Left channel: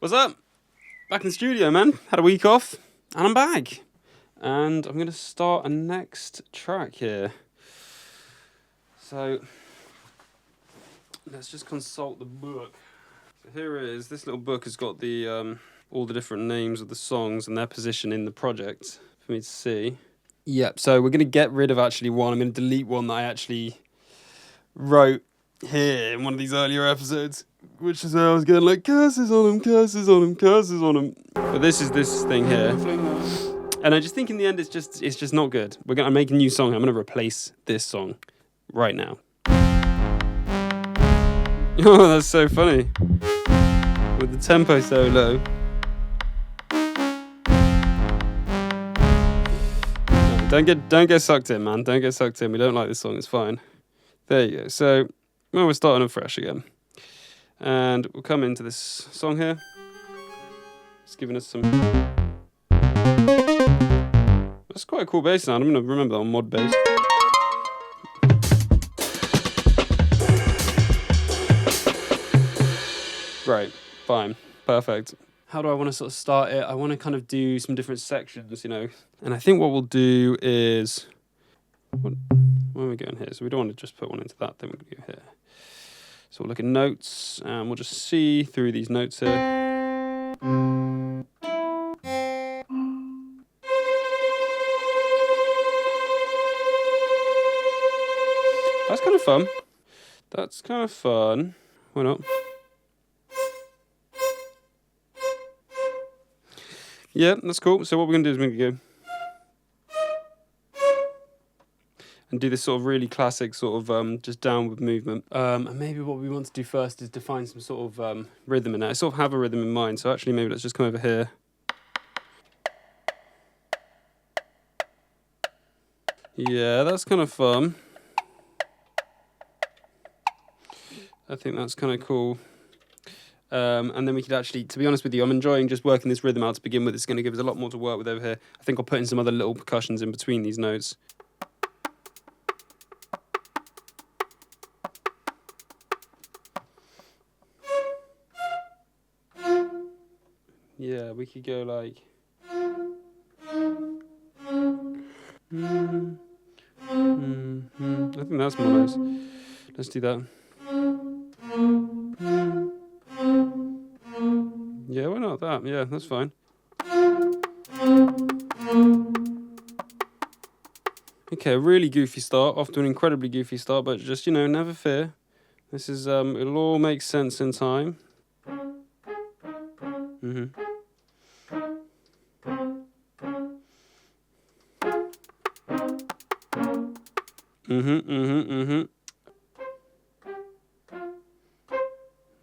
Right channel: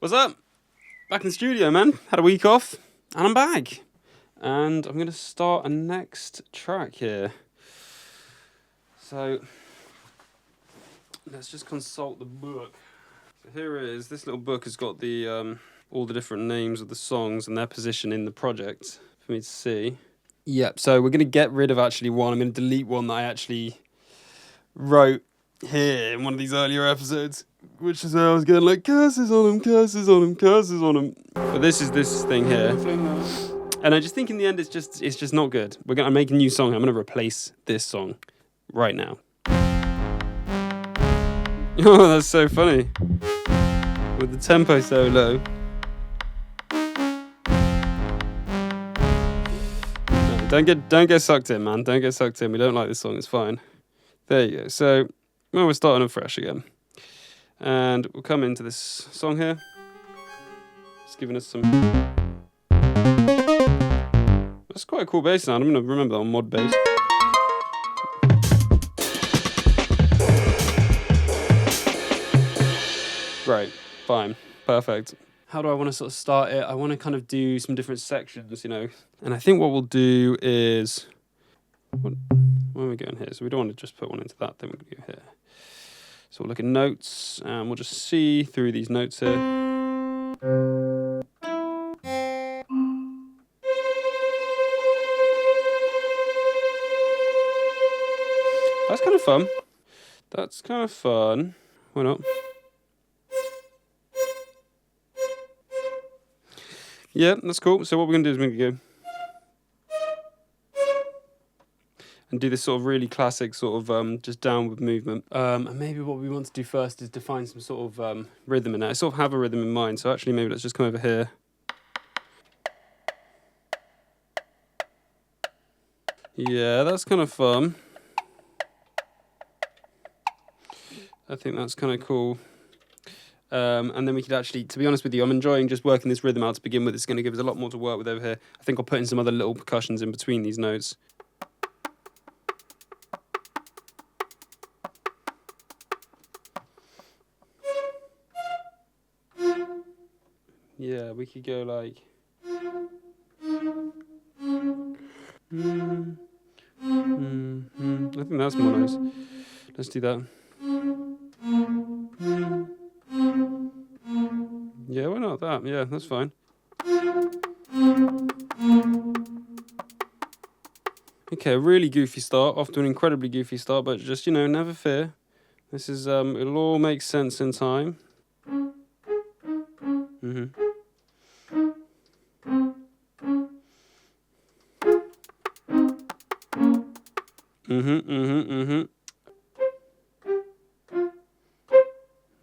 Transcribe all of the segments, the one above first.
What's up? Back in the studio, man. Had a week off, and I'm back. And I'm going to start a next track here. So, let's just consult the book. So here it is. This little book has got the all the different names of the songs and their position in the project for me to see. Yep, so we're going to get rid of actually one. I'm going to delete one that I actually wrote here in one of these earlier episodes, which is how I was going like, curses on him, curses on him, curses on him. But this is this thing here. And I just think in the end it's just not good. I'm making a new song. I'm going to replace this song right now. Oh, that's so funny. With the tempo so low. No, don't get sucked in, man. Don't get sucked in. We don't like this song. It's fine. There you go. So, well, we're starting afresh again. And we'll come into this song here. It's giving us some... That's quite a cool bass sound. I'm going to remember that on mod bass. Great. Fine. Perfect. How do I want to sort of start it? I want to kind of do some different sections, you know. And I think what we'll do is... Where are we going here? So we don't want to just put one into that. Then we'll go here. So we'll look at notes, and we'll just see through these notes here. That's kind of fun. That's kind of fun. Why not? Yeah, that's cool. So what we're going to do is we're going to go and do this sort of really classic sort of just downward movement. And maybe what we want to do first is define some sort of rhythm in it. I sort of have a rhythm in mind, so actually maybe let's just come over here. Yeah, that's kind of fun. I think that's kind of cool. And then we could actually, to be honest with you, I'm enjoying just working this rhythm out to begin with. It's going to give us a lot more to work with over here. I think I'll put in some other little percussions in between these notes. Yeah, we could go like... I think that's more nice. Let's do that. Yeah, why not that? Yeah, that's fine. Okay, really goofy start. Off to an incredibly goofy start, but just, you know, never fear. This is, it'll all make sense in time.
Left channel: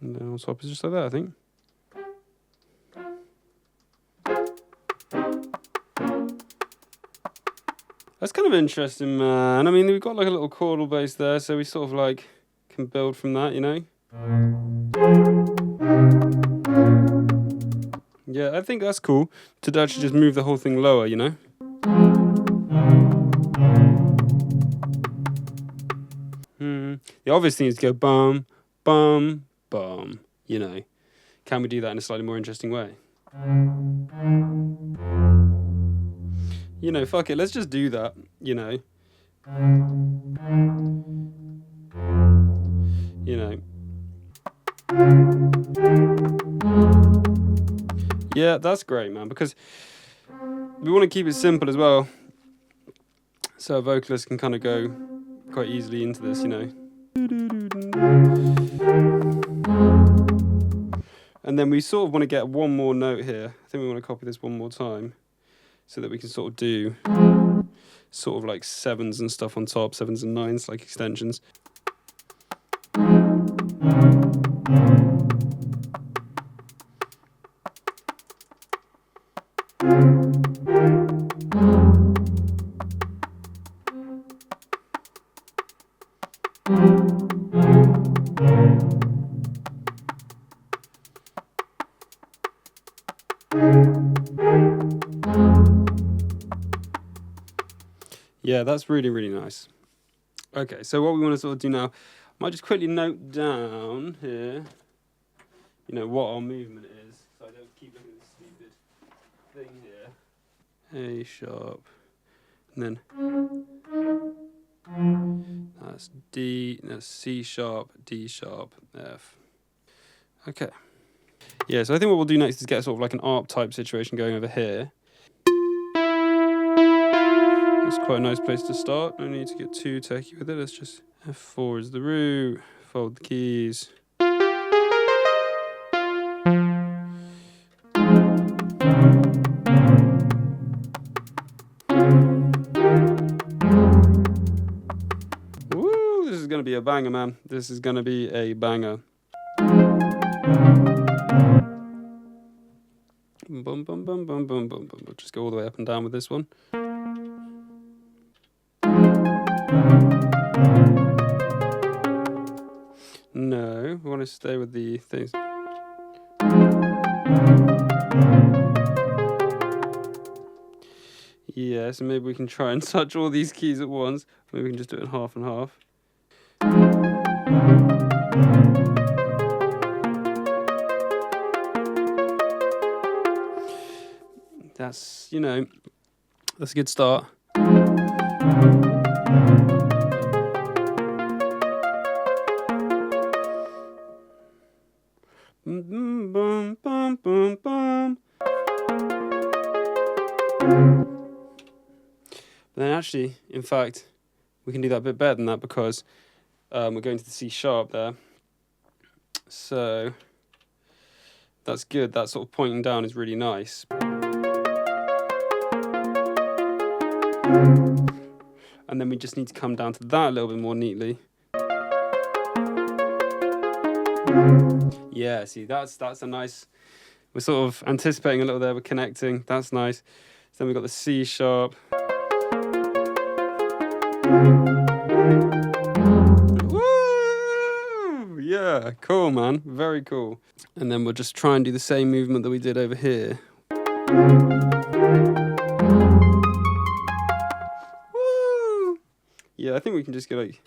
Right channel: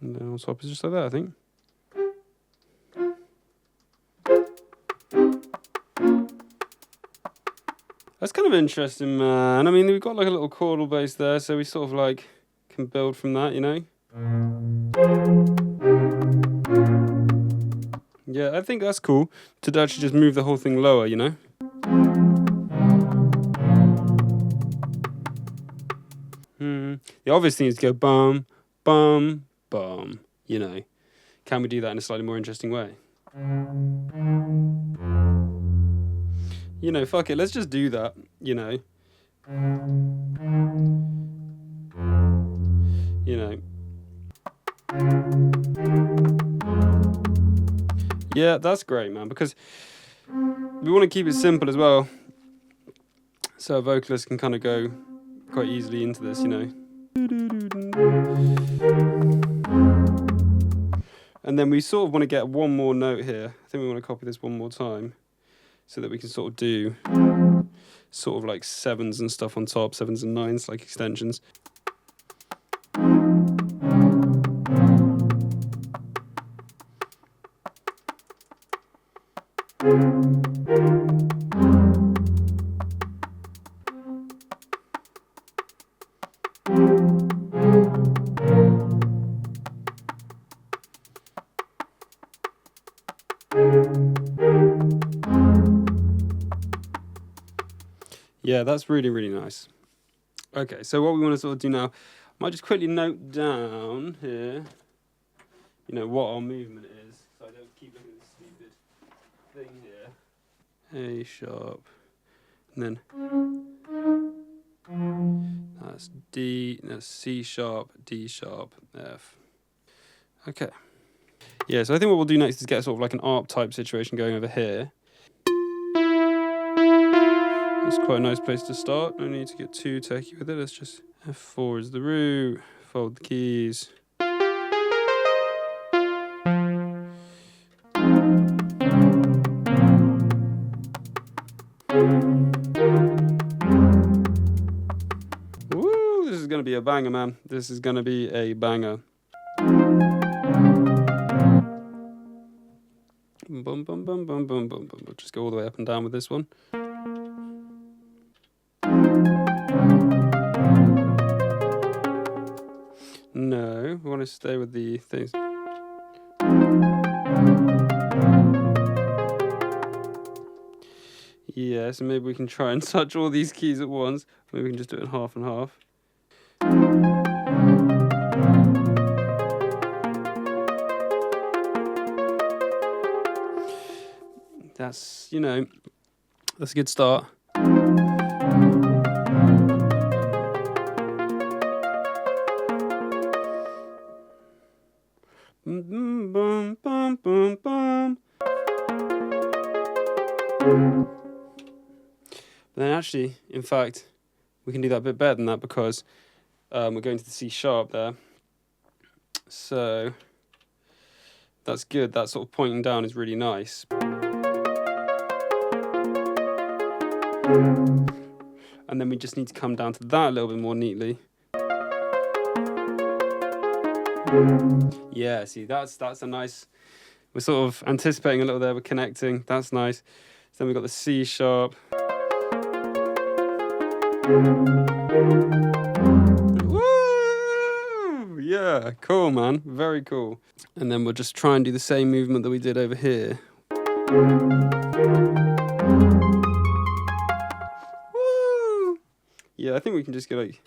And then on top is just like that, I think. That's kind of interesting, man. I mean, we've got like a little chordal bass there, so we sort of like can build from that, you know? Yeah, I think that's cool to actually just move the whole thing lower, you know? The obvious thing is to go bum, bum, bum, you know. Can we do that in a slightly more interesting way? You know, fuck it, let's just do that, you know. You know. Yeah, that's great, man, because we want to keep it simple as well. So a vocalist can kind of go quite easily into this, you know. And then we sort of want to get one more note here. I think we want to copy this one more time so that we can sort of do sort of like sevens and stuff on top, sevens and nines, like extensions. Yeah, that's really, really nice. Okay, so what we want to sort of do now, I might just quickly note down here, you know, what our movement is. So I thing here. A sharp, and then that's D, that's C sharp, D sharp, F. Okay. Yeah, so I think what we'll do next is get sort of like an ARP type situation going over here. That's quite a nice place to start. No need to get too techy with it. Let's just F4 is the root, fold the keys. Woo, this is going to be a banger, man. This is going to be a banger. Bum, bum, bum, bum, bum, bum, bum. We'll just go all the way up and down with this one. No, we want to stay with the things. Yeah, so maybe we can try and touch all these keys at once. Maybe we can just do it in half and half. That's, you know, that's a good start. Bum, bum, bum, bum, bum. But then actually, in fact, we can do that a bit better than that because we're going to the C sharp there. So that's good. That sort of pointing down is really nice. And then we just need to come down to that a little bit more neatly. Yeah, see, that's a nice, we're sort of anticipating a little there, we're connecting, that's nice. So then we've got the C sharp. Woo! Yeah, cool, man, very cool. And then we'll just try and do the same movement that we did over here. Woo! Yeah, I think we can just go like...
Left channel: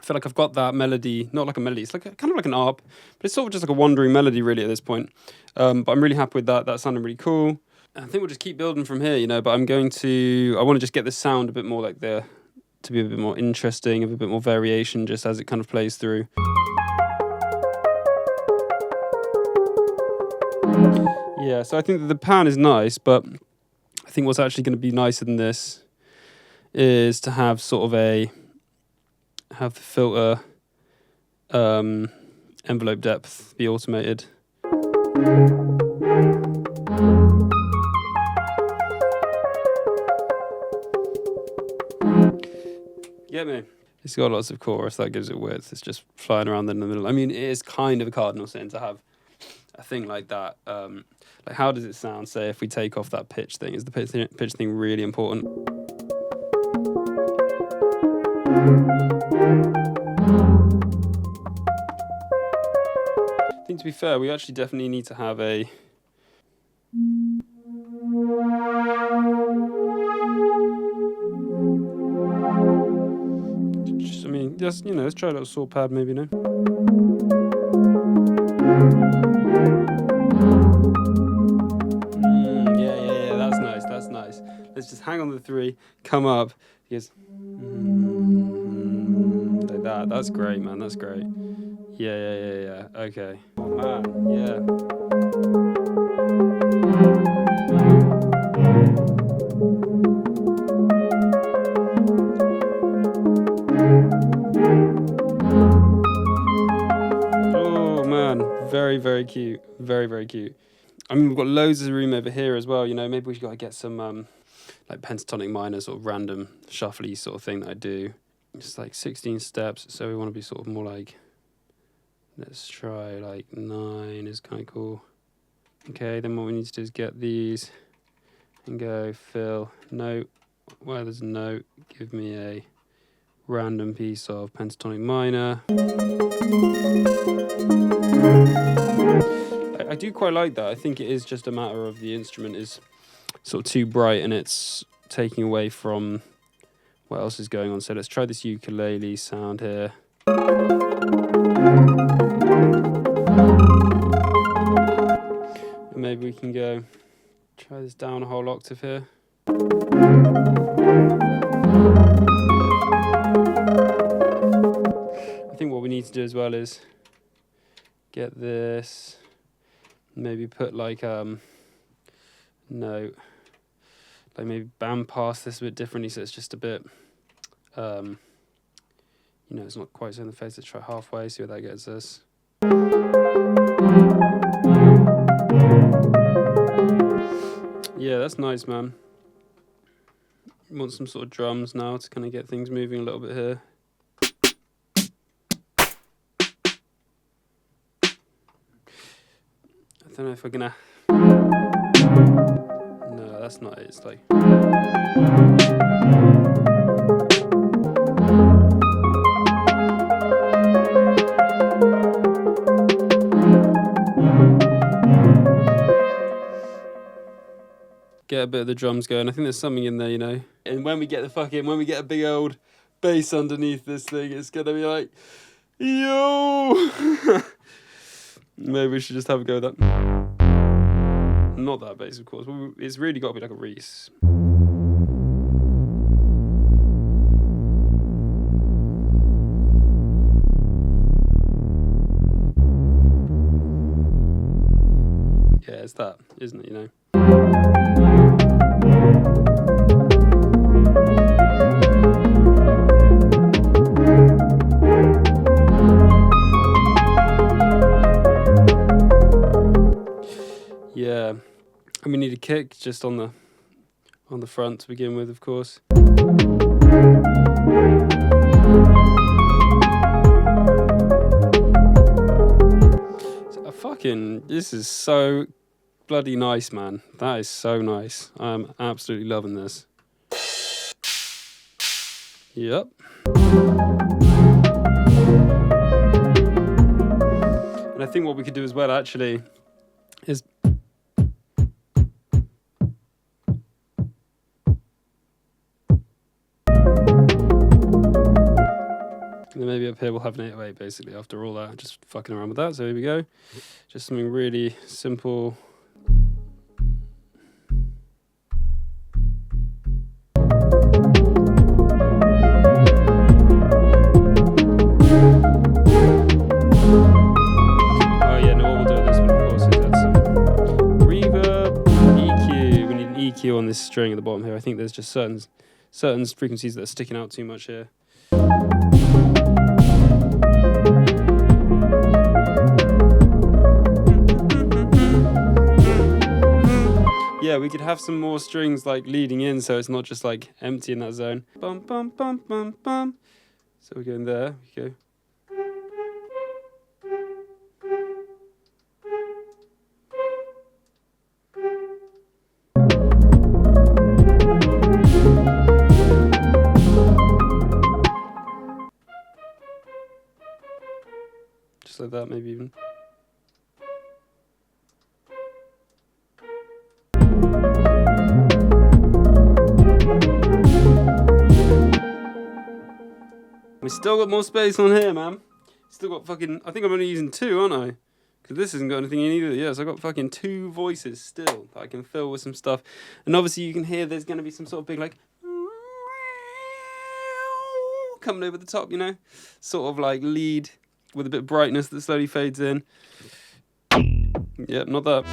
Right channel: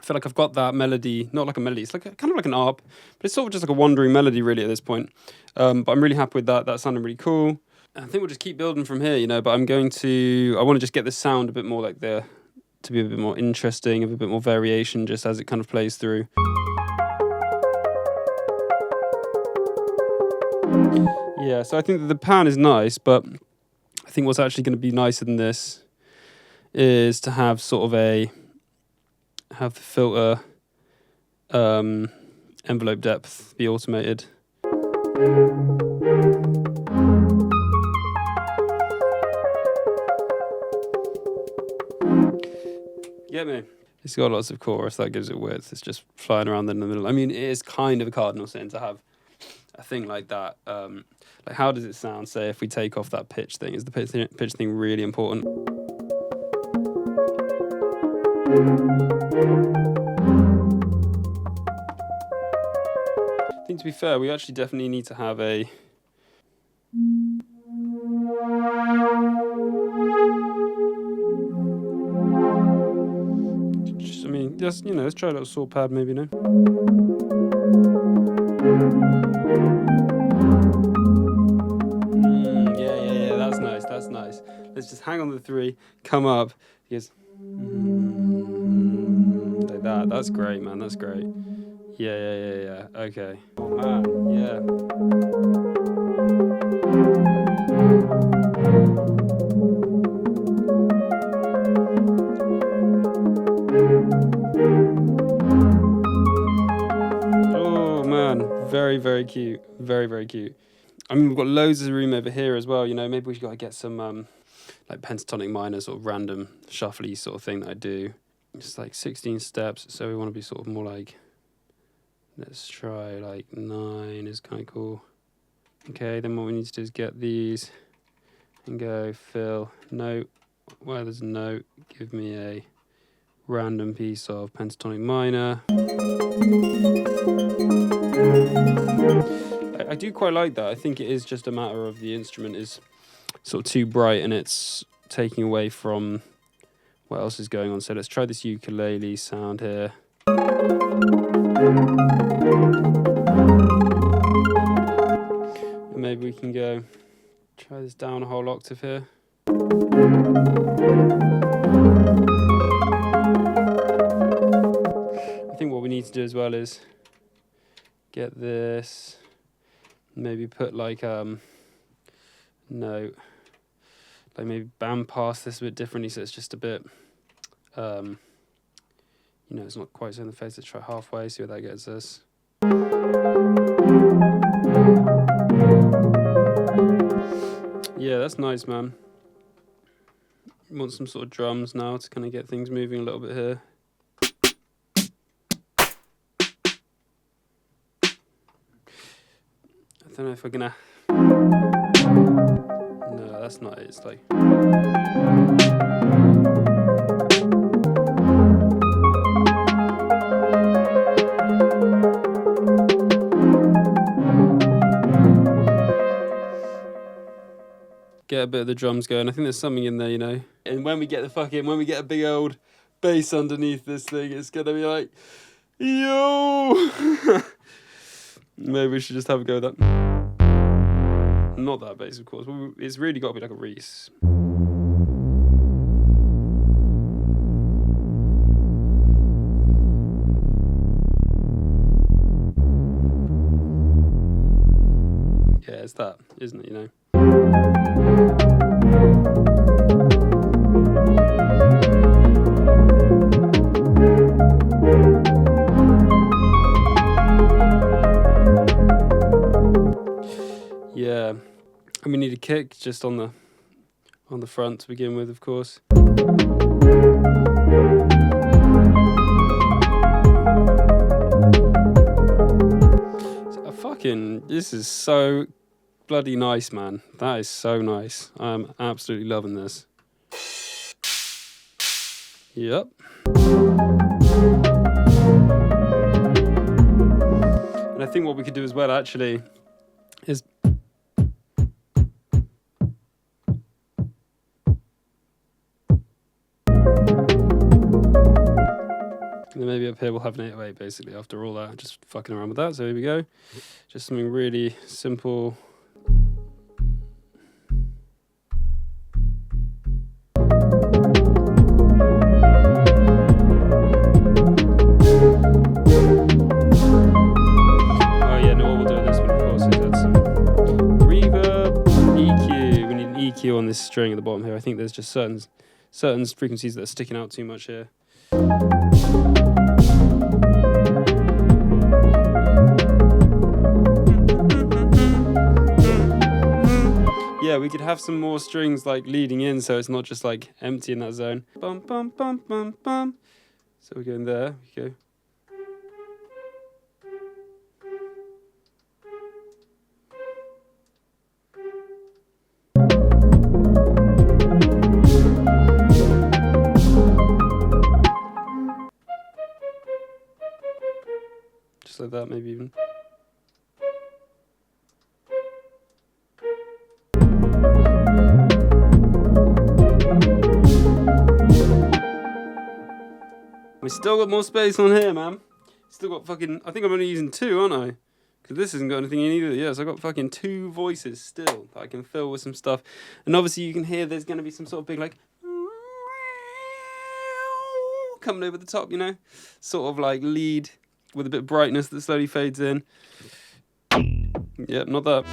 I feel like I've got that melody, not like a melody, it's like kind of like an ARP, but it's sort of just like a wandering melody really at this point. But I'm really happy with that, that sounded really cool. And I think we'll just keep building from here, you know, but I want to just get the sound a bit more like to be a bit more interesting, have a bit more variation just as it kind of plays through. Yeah, so I think that the pan is nice, but I think what's actually going to be nicer than this is to have sort of have the filter envelope depth be automated. Get me? It's got lots of chorus, that gives it width. It's just flying around in the middle. I mean, it is kind of a cardinal sin to have a thing like that. Like, how does it sound, say, if we take off that pitch thing? Is the pitch thing really important? I think, to be fair, we actually definitely need to have a... Just, I mean, just, you know, let's try a little saw pad maybe, no? Yeah, that's nice, that's nice. Let's just hang on the 3, come up, because... like that, that's great, man, that's great. Yeah, okay. Oh, man, yeah. Oh, man, very, very cute. Very, very cute. I mean, we've got loads of room over here as well, you know, maybe we've got to get some, like, pentatonic minor, sort of random, shuffly sort of thing that I do. It's like 16 steps, so we want to be sort of more like... Let's try like 9 is kind of cool. Okay, then what we need to do is get these and go fill note. Where there's a note, give me a random piece of pentatonic minor. I do quite like that. I think it is just a matter of the instrument is sort of too bright and it's taking away from what else is going on. So let's try this ukulele sound here. And maybe we can go try this down a whole octave here. I think what we need to do as well is get this, maybe put like note, like maybe band pass this a bit differently so it's just a bit, you know, it's not quite so in the face. Let's try halfway, see what that gets us. Yeah, that's nice, man. Want some sort of drums now to kind of get things moving a little bit here. I don't know if we're gonna... No, that's not it. It's like... Get a bit of the drums going. I think there's something in there, you know. And when we get when we get a big old bass underneath this thing, it's gonna be like, yo. Maybe we should just have a go with that. Not that bass, of course. It's really got to be like a Reese. Yeah, it's that, isn't it, you know? Yeah, and we need a kick just on the front to begin with, of course. This is so bloody nice, man. That is so nice. I'm absolutely loving this. Yep. And I think what we could do as well, actually, is and then maybe up here we'll have an 808 basically after all that, just fucking around with that. So here we go. Just something really simple. Oh yeah, no, what we'll do with this one, of course, is add some reverb, EQ. We need an EQ on this string at the bottom here. I think there's just certain frequencies that are sticking out too much here. Yeah, we could have some more strings like leading in so it's not just like empty in that zone. Bum, bum, bum, bum, bum. So we're going there, we go. Just like that, maybe even. We still got more space on here, man. Still got fucking... I think I'm only using 2, aren't I? Because this hasn't got anything in either. Yeah, so I've got fucking 2 voices still that I can fill with some stuff. And obviously you can hear there's going to be some sort of big, like... coming over the top, you know? Sort of like lead with a bit of brightness that slowly fades in. Yep, not that.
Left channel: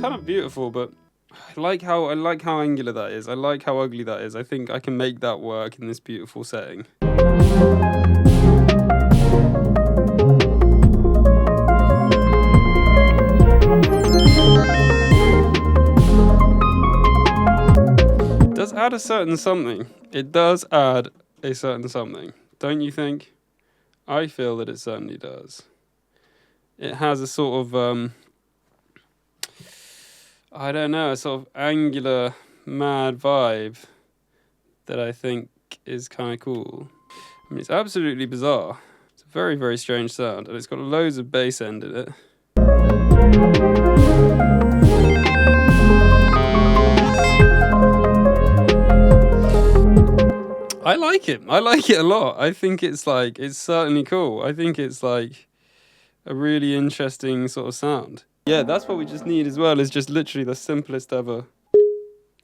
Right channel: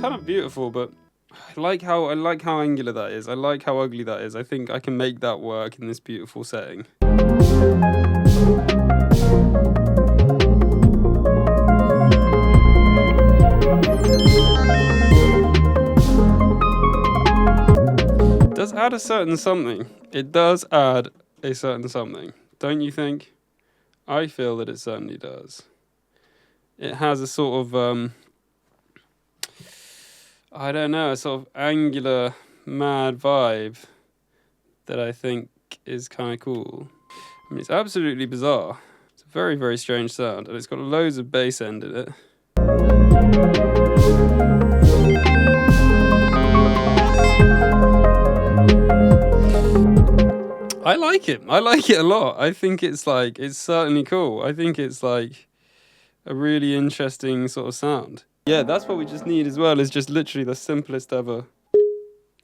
Kind of beautiful, but I like how angular that is. I like how ugly that is. I think I can make that work in this beautiful setting. It does add a certain something. It does add a certain something. Don't you think? I feel that it certainly does. it has a sort of I don't know, a sort of angular, mad vibe that I think is kind of cool. I mean, it's absolutely bizarre. It's a very, very strange sound, and it's got loads of bass end in it. I like it. I like it a lot. I think it's like, it's certainly cool. I think it's like a really interesting sort of sound. Yeah, that's what we just need as well, is just literally the simplest ever.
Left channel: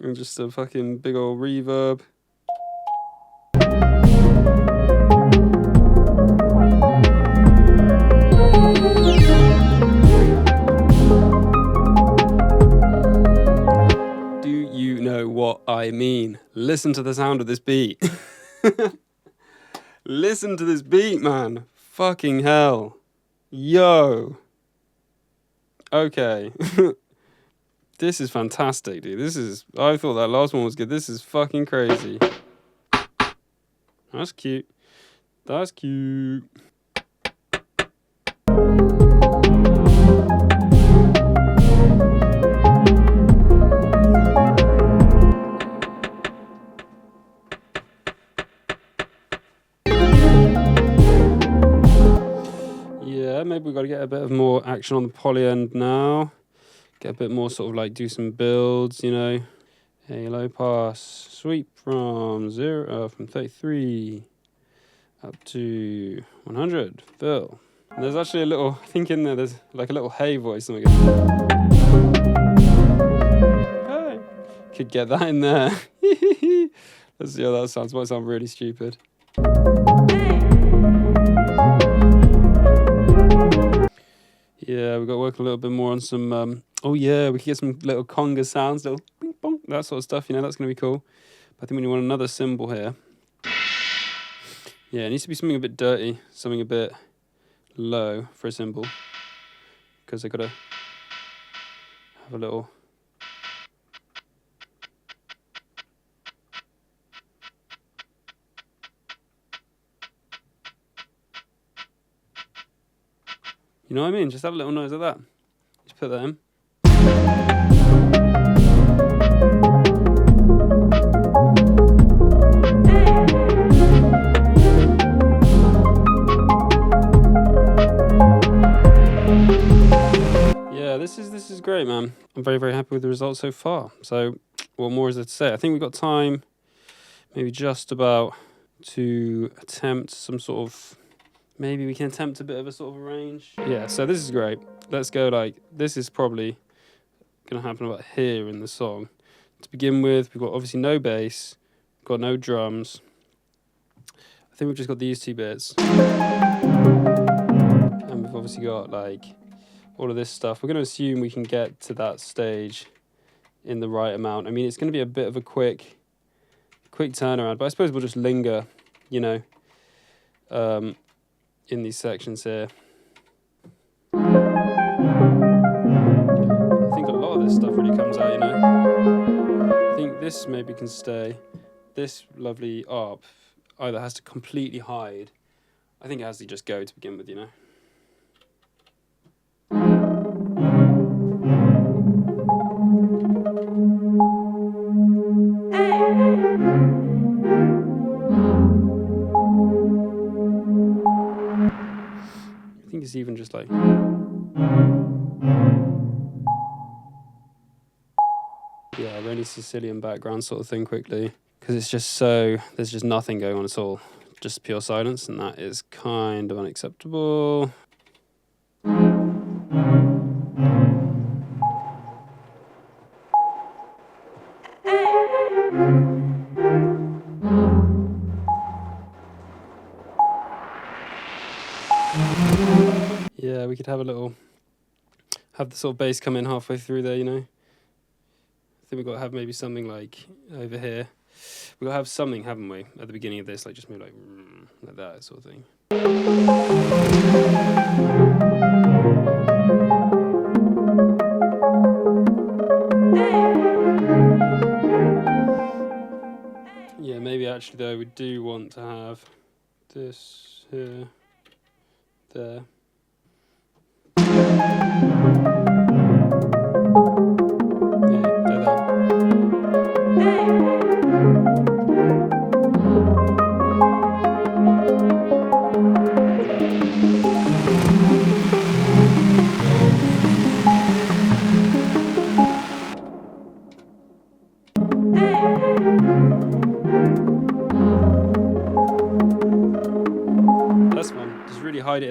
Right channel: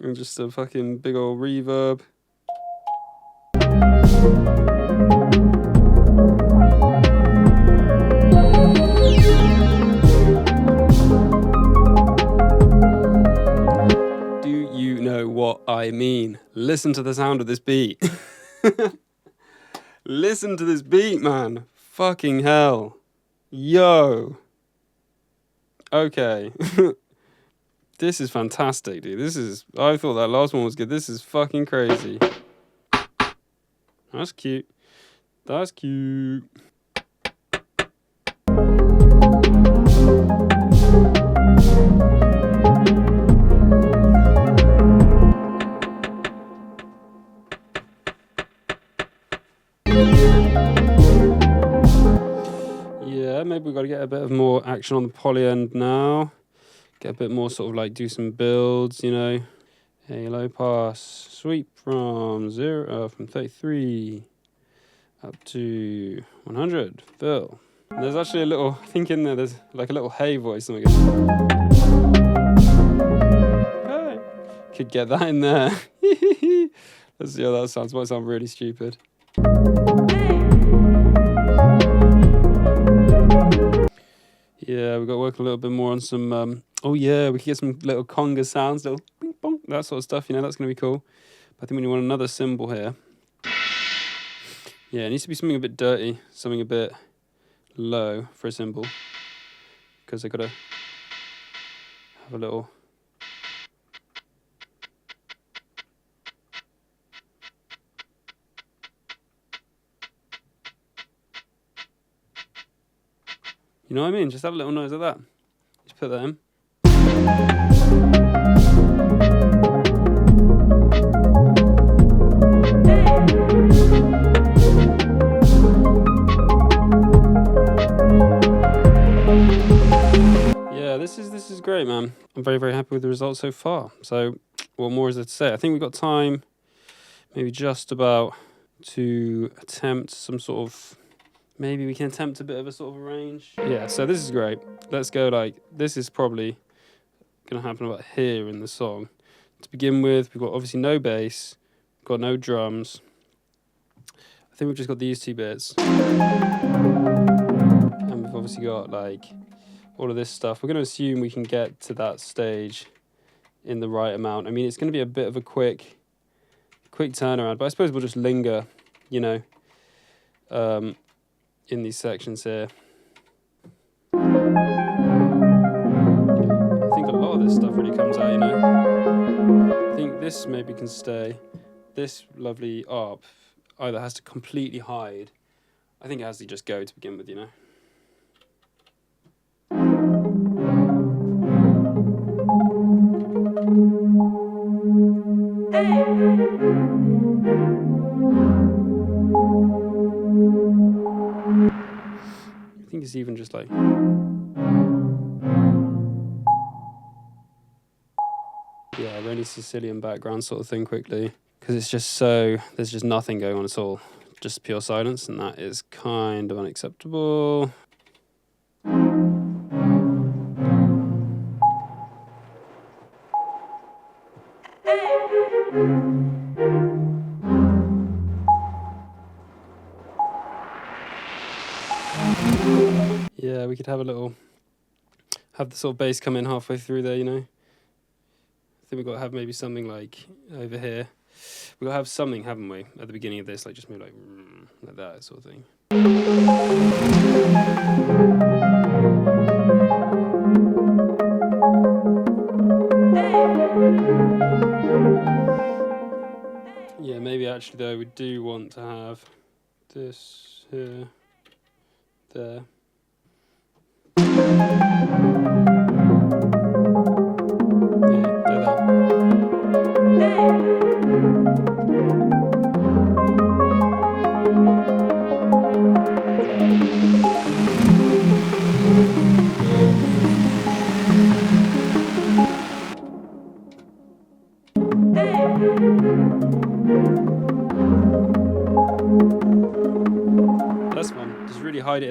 And just a fucking big old reverb. Do you know what I mean? Listen to the sound of this beat. Listen to this beat, man. Fucking hell. Yo. Okay. This is fantastic, dude. I thought that last one was good. This is fucking crazy. That's cute. That's cute. Yeah, maybe we've got to get a bit of more action on the polyend now. Get a bit more sort of like do some builds, you know. Hey, low pass sweep from 33 up to 100. Fill. And there's actually a little, I think in there's like a little hey voice. Hey. Could get that in there. Let's see how that sounds. Might sound really stupid. Yeah, we've got to work a little bit more on some, oh yeah, we could get some little conga sounds, little bing bong, that sort of stuff, you know, that's going to be cool. But I think we want another cymbal here. Yeah, it needs to be something a bit dirty, something a bit low for a cymbal. Because I've got to have a little... You know what I mean? Just have a little noise like that. Just put that in. Yeah, this is great, man. I'm very, very happy with the results so far. So, what more is there to say? I think we've got time, maybe just about, to attempt some sort of... Maybe we can attempt a bit of a sort of a range. Yeah, so this is great. Let's go like, this is probably going to happen about here in the song. To begin with, we've got obviously no bass, we've got no drums. I think we've just got these two bits. And we've obviously got like all of this stuff. We're going to assume we can get to that stage in the right amount. I mean, it's going to be a bit of a quick turnaround, but I suppose we'll just linger, you know, in these sections here. I think a lot of this stuff really comes out, you know. I think this maybe can stay. This lovely ARP either has to completely hide. I think it has to just go to begin with, you know. I think it's even just like... Yeah, really Sicilian background sort of thing quickly. Because it's just so... There's just nothing going on at all. Just pure silence, and that is kind of unacceptable. Yeah, we could have a little... Have the sort of bass come in halfway through there, you know. I think we've got to have maybe something like over here. We've got to have something, haven't we, at the beginning of this, like just maybe like that sort of thing. Yeah, maybe actually though we do want to have this here, there.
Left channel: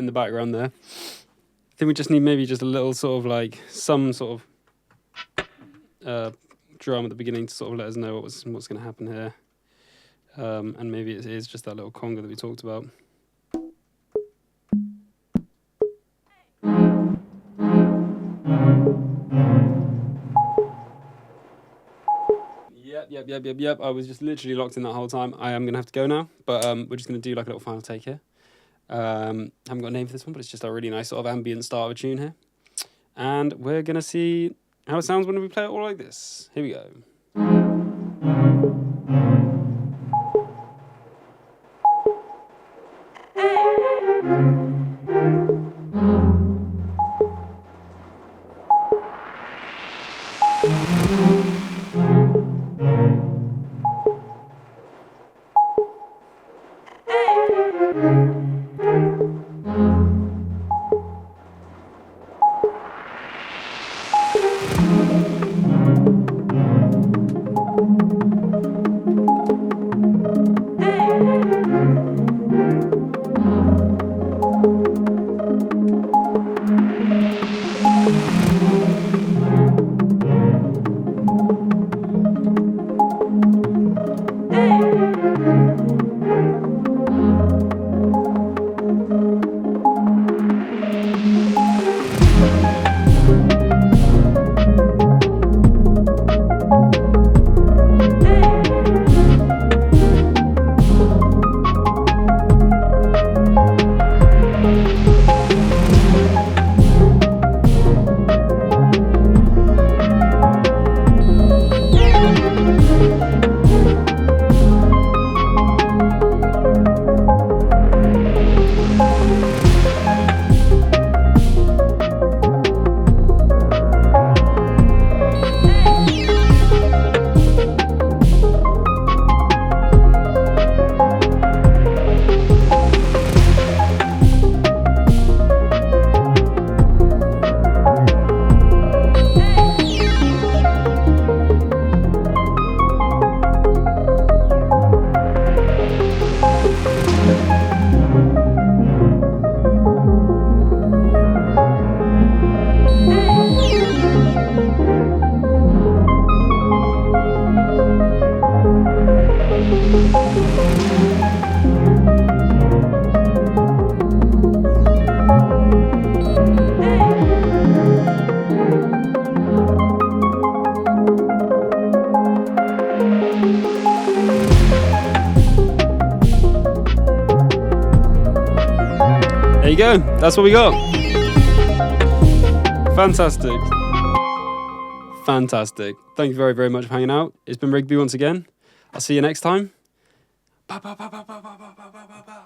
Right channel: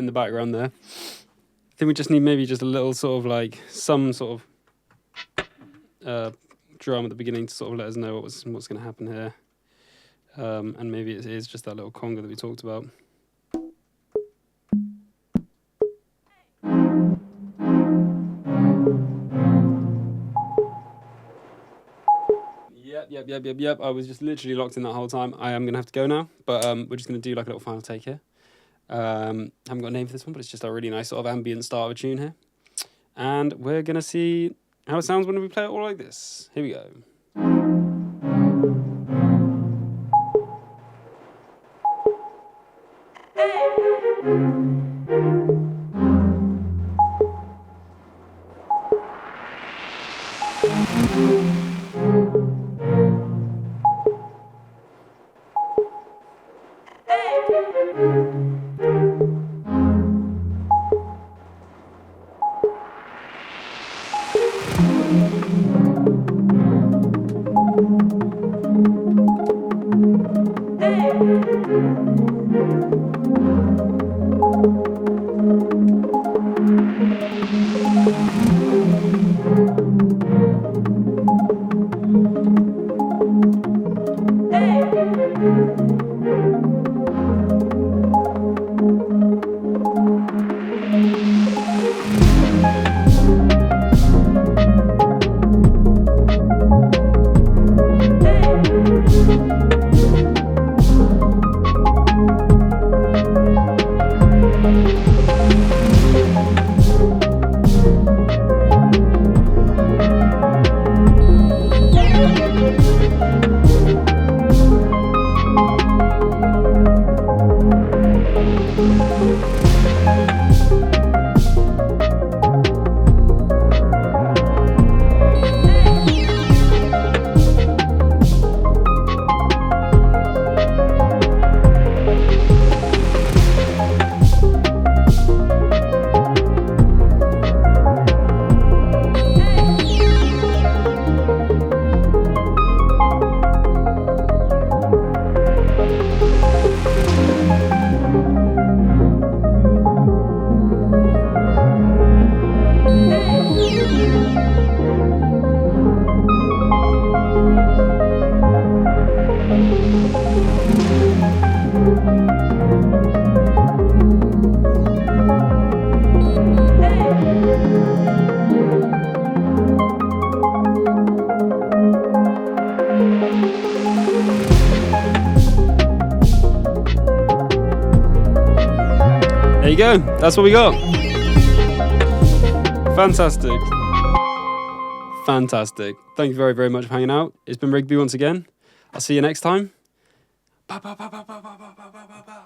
the background there. I think we just need maybe just a little sort of like some sort of drum at the beginning to sort of let us know what's going to happen here. And maybe it is just that little conga that we talked about. Yep. I was just literally locked in that whole time. I am going to have to go now, but we're just going to do like a little final take here. Haven't got a name for this one, but it's just a really nice sort of ambient start of a tune here. And we're going to see how it sounds when we play it all like this. Here we go. There you go. That's what we got. Fantastic. Fantastic. Thank you very, very much for hanging out. It's been Rygby once again. I'll see you next time. Bow, bow, bow, bow, bow, bow, bow, bow, bow.